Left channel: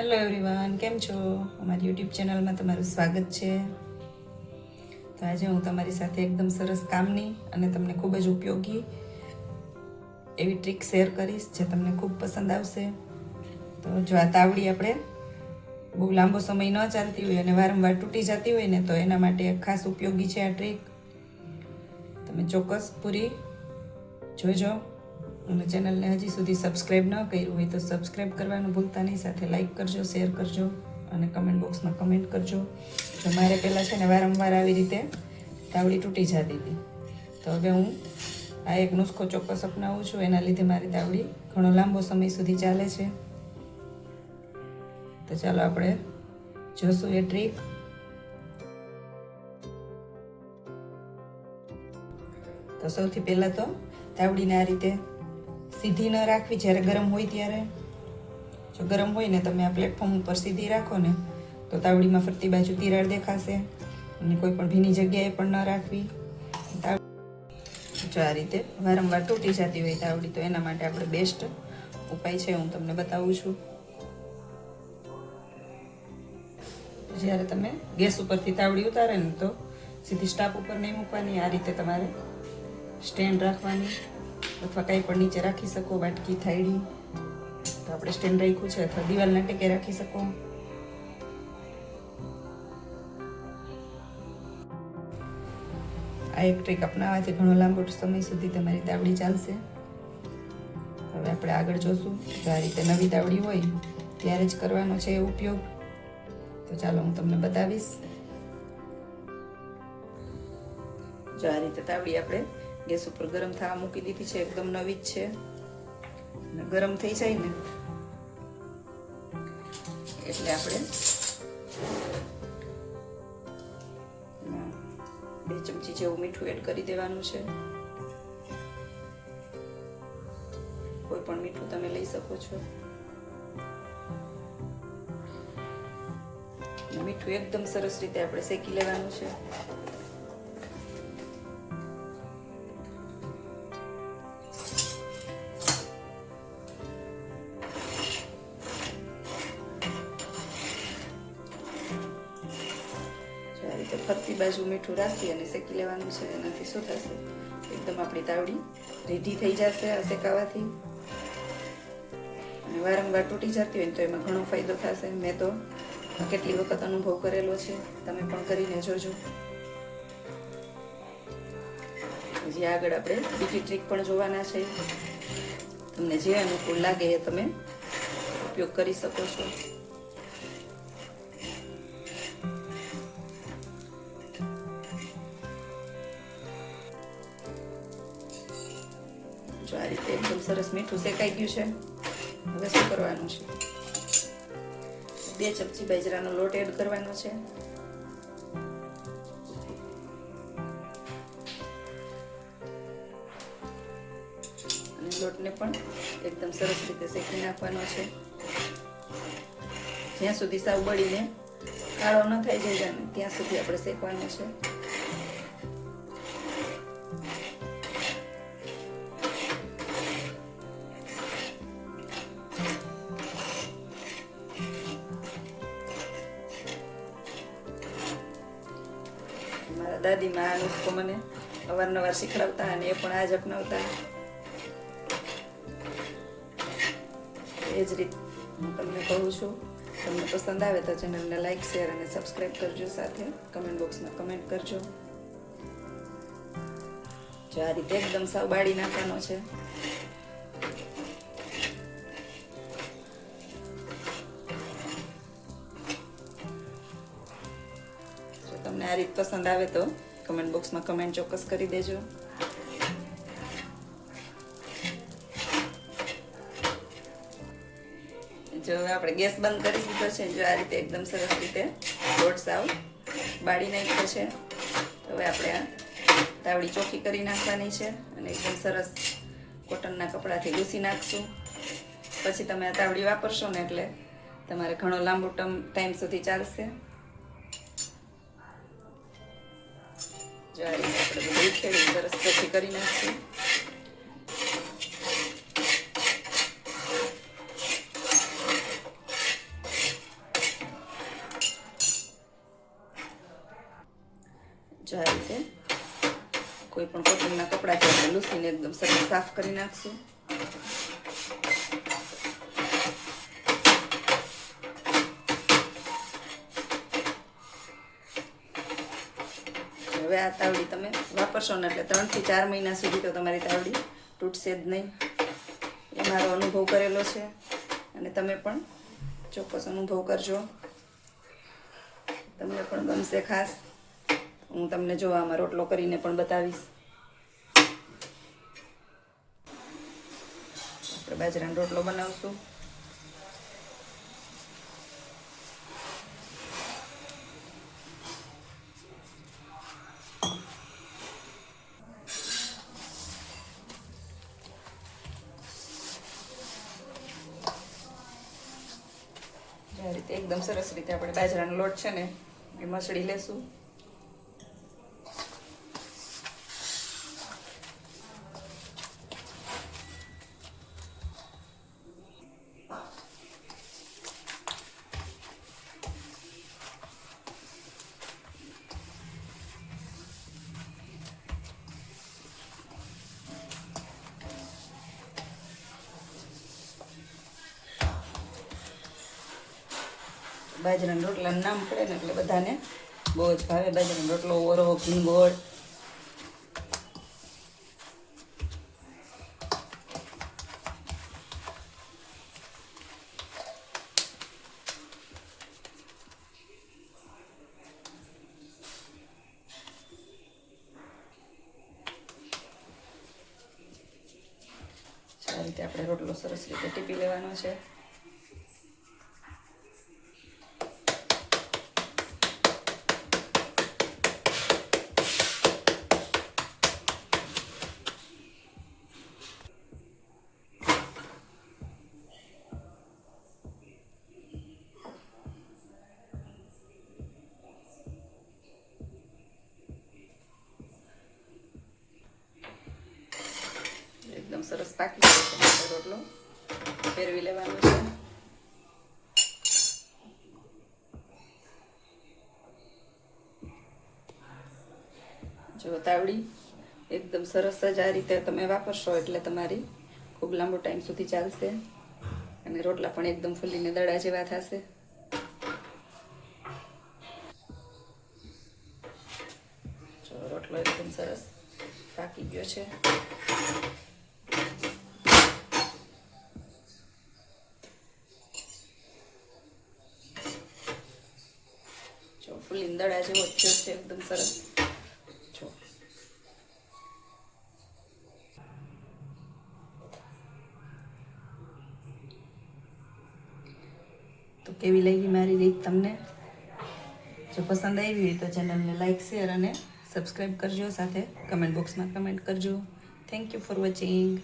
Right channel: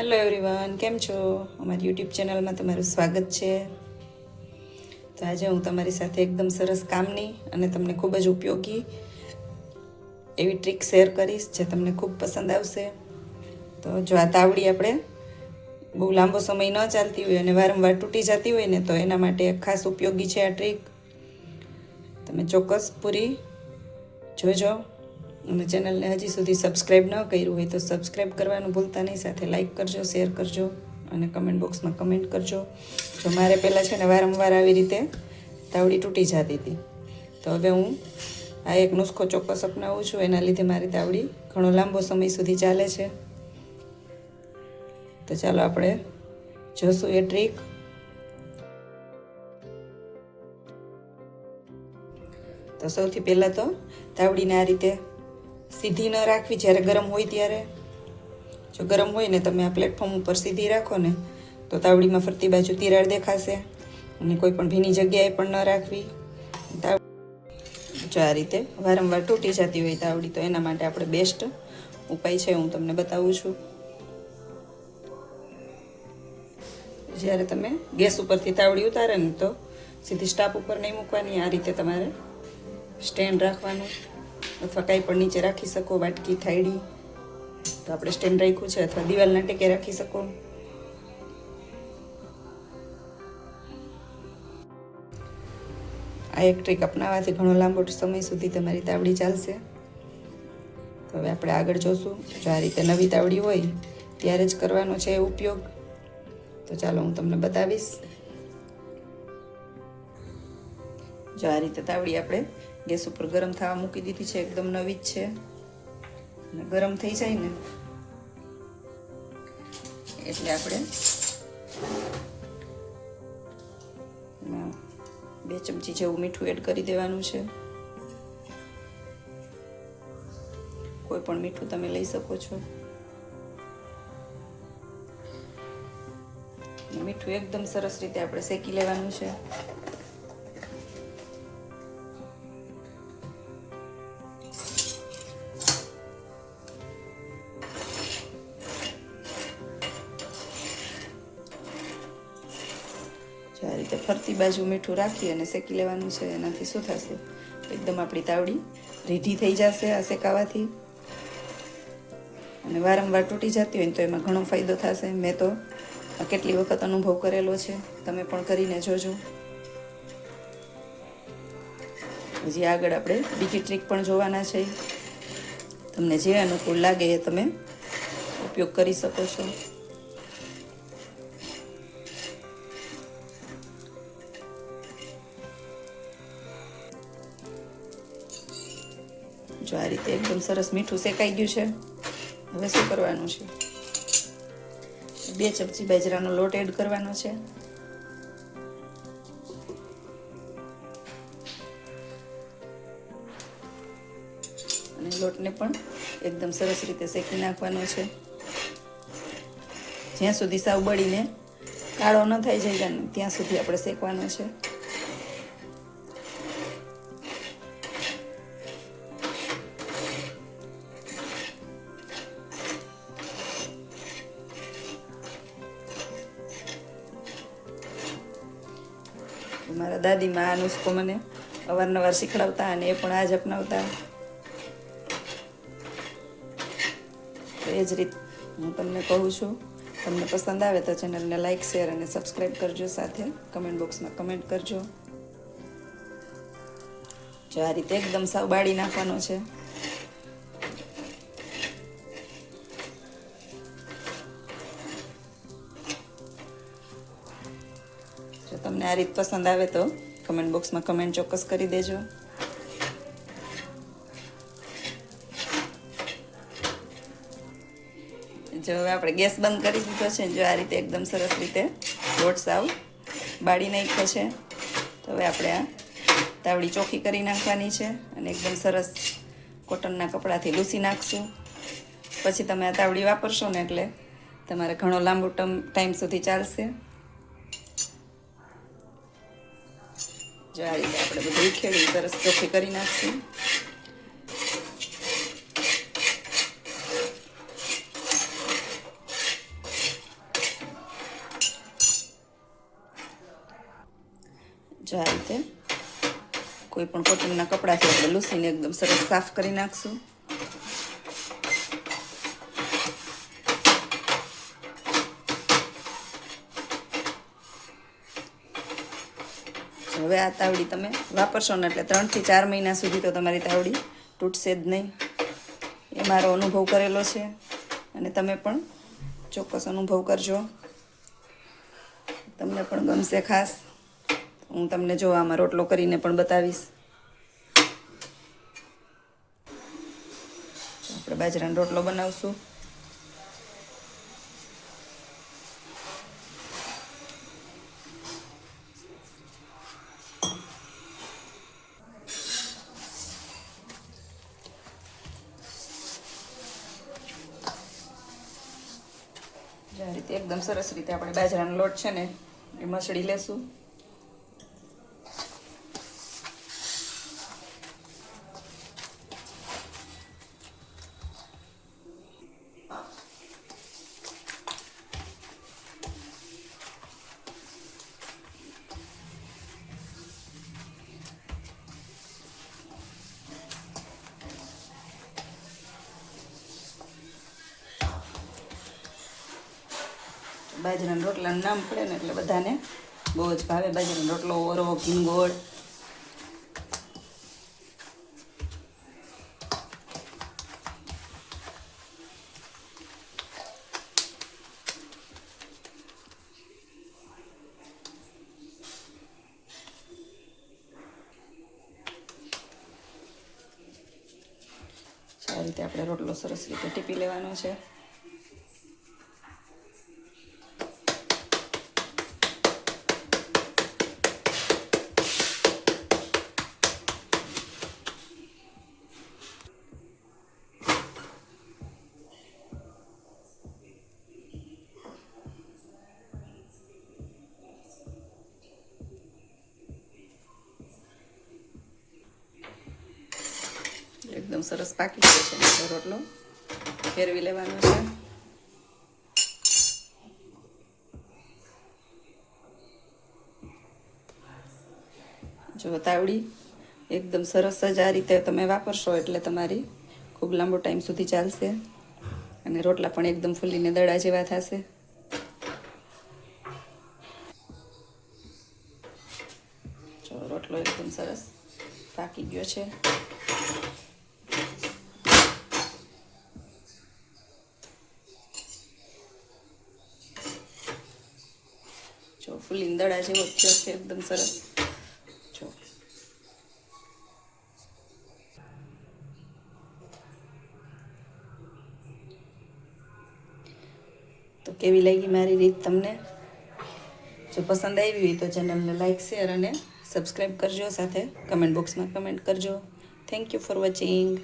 Hello everyone કેમ છો? અમારી યુટ્યુબ ચેનલમાં તમારું સ્વાગત છે. તો આજે હું તમારી સાથે એકદમ સરસ કામની અને તમને ખૂબ જ ઉપયોગી એવી ટ્રીક શેર કરીશ જે તમને ખૂબ પસંદ આવશે. તો જો આ તાવડી આપણે બહુ લાંબો સમય ન ચાલતી હોય અને વારંવાર તૂટી જતી હોય ને તો એના માટે ખાસ ઉપયોગી છે આ ટ્રીક તમે ચોક્કસ પૂરી જોજો. અને ચેનલને હજી સુધી સબસ્ક્રાઈબ ન કર્યું હોય તો સબસ્ક્રાઈબ કરવાનું ભૂલતા નહીં. સાથે લાઈક કરજો શેર કરજો અને કમેન્ટ બોક્સમાં કમેન્ટ કરજો. જો મારે પહેલાં છે ને વારંવાર આવી રીતે તાવડી તૂટી જતી હતી. તો હવે હું આ એક નુસ્ખો ચોક્કસ અપનાવું છું. એના લીધે મારી તાવડી ઘણો લાંબો સમય સુધી ચાલે છે. તો ચાલો આપણે જોશું એ ટ્રીક તો સૌથી પહેલાં તો તાવડીને આ રીતે સીધી ન રાખવી જ્યારે ગરમ હોય ત્યારે. જો ગરમ હોય ને તમે આ પ્લેટફોર્મ ઉપર સીધી રાખો ને, તો તાવડીમાં ફરતી બાજુ તિરાડ દેખાશે અને કોઈ પણ ભીની જગ્યાએ પણ ન રાખવી. જો આ રીતે વારંવાર તૂટી જતી હોય તાવડી, તો એના માટે આપણે બેસ્ટ ઉપાય છે, હું તમને બતાવું છું. જ્યારે તમે ગેસ ઉપરથી તાવડી ઉતારે ને, તો સીધી સ્ટાફ ઉપર નહીં મૂકવાની, આ રીતે તમારે સ્ટેન્ડ રાખવાનું. અથવા કાંઈ પણ નીચે રાખી શકો, વાટકી, થાળી, તો આપણે સ્ટેન્ડ રાખ્યું છે, અથવા દિવાલના ટેકે રાખી શકો. આ એક ટ્રીક અપનાવવાથી ઘણો લાંબો સમય સુધી તમારી તાવડી ચાલશે. હવે આપણે આગળ જોશું, જો આ રીતે નવી તાવડી હોય, ત્યારે જ કરવાનો છે ઉપયોગ. તો ચાલો હું તમને બતાવીશ. જો આ રીતે તાવડી આપણે ગેસ ઉપર ગરમ થવા મૂકી દીધી છે, એકદમ નવી જ છે. અને ગરમ થઈ જાય ને, એટલે આપણે બે ચમચી જેવું મીઠું એડ કરી દેવાનું છે. કોઈ પણ મીઠું તમે લઈ શકો છો. મીઠું એકદમ સરસ રીતે આપણે શેકી લેવાનું છે. રીતે ફરતી બાજુ મીઠું રાખી અને શેકી લેવાનું છે. એનાથી શું થશે? એકદમ આપણી તાવડી રીઢી થઈ જશે આ શેકાવાથી. અને વારંવાર તૂટી જતી હોય તો એમાં ઘણો ફાયદો થશે. મેં તો કેટલી વખત અનુભવ કરેલો છે. તમે પણ કરીને જોજો. હજી આગળ આપણે બીજી ટ્રીક પણ જોવાના છે. તમને જે અનુકૂળ લાગે એ તમે ઉપયોગ કરી શકો છો. જો આ રીતે એકદમ સરસ મીઠું શેકાઈ ગયું છે. હવે શું કરવાનું છે? બે ચમચી બાજરાનો લોટ એડ કરવાનો છે. લોટને પણ એકદમ સરસ રીતે શેકી નાખવાનો છે. જ્યાં સુધી સાવ બળીને કાળો ન થઈ જાય ત્યાં સુધી આપણે શેકવાનો છે. મારા દાદીમાં આ નુસ્ખો મને અવારનવાર શીખડાવતા અને એ પણ આજ અપનાવતા. એ જ રીત હું તમને કહું છું. તમને પસંદ આવે તો ચેનલને લાઈક શેર અને સબસ્ક્રાઈબ કરજો સાથે. કમેન્ટ બોક્સમાં કમેન્ટ કરજો. જો આ રીતે એકદમ સાવ બાળી નાખવાનો છે. તમને આ રીત પસંદ આવે તો કમેન્ટ બોક્સમાં કમેન્ટ ચોક્કસ કરી દેજો. જો હવે આપણે ગેસ બંધ કરી દીધો છે, જો આ રીતે એકદમ સરસ રીતે લોટ સાવ બાળી નાખ્યો છે. તો હવે આપણે આ તાવડી ચોખ્ખી કરી નાખવાની છે અને એકદમ સરસ કોટનના કપડાથી લૂસી નાખશું. પછી તમે આ તાવડી વાપરશો ને એટલે તમારે ઘણો લાંબો ટાઈમ સુધી ચાલશે. જાળી આપણે બધું ઉખેડી સરસ કોફી કરી નાખશું જો આ કોઈ પણ કોટનના કપડાથી આપણે લૂસીને એકદમ સરસ સાફ કરી નાખશું. આ તાવડી તમે વાપરશો ને એટલે ત્રણથી ચાર મહિના સુધી તો તમારી તાવડી તૂટશે જ નહીં. એ મારો અનુભવ કરેલો છે અને તમે પણ ચોક્કસ અનુભવ કરજો. તમને પણ ગમશે ખાસ. હું તમને જો આમાં રોટલો કરીને પણ બતાવીશ. આપણે બાજરાનો રોટલો બનાવશું. આ રીતે એકદમ સરસ રીતે આપણે બાજરાનો લોટ છે ને એ મસળી લેશું. બાજરાના રોટલાનું નામ પડે ને એટલે બધાને બહુ જ ભાવે. બાજરાનો રોટલો, ઓરવો ઘીંગોળ આ રીતે આપણે રોટલો સરસ રીતે ટીપી લેવાનો છે. સરસ પાકી ગયો છે રોટલો. ફેરવી લેવાનો છે. જો તાવડી, એકદમ સરસ જ આ રીતે તમે વાપરશો એટલે તમારી ખૂબ લાંબો ટાઈમ સુધી ચાલશે. અને રોટલા પણ એકદમ ફૂલીને દડા જેવા થશે. જો રોટલો એકદમ સરસ પાકી ગયો છે. જો દડા જેવો થયો છે એકદમ સરસ. જો. તો કેવી લાગી મારી રીત તમને? જો પસંદ આવી હોય તો ચેનલને લાઇક શેર અને સબસ્ક્રાઈબ કરજો સાથે કમેન્ટ બોક્સમાં કમેન્ટ કરજો. Thank you for watching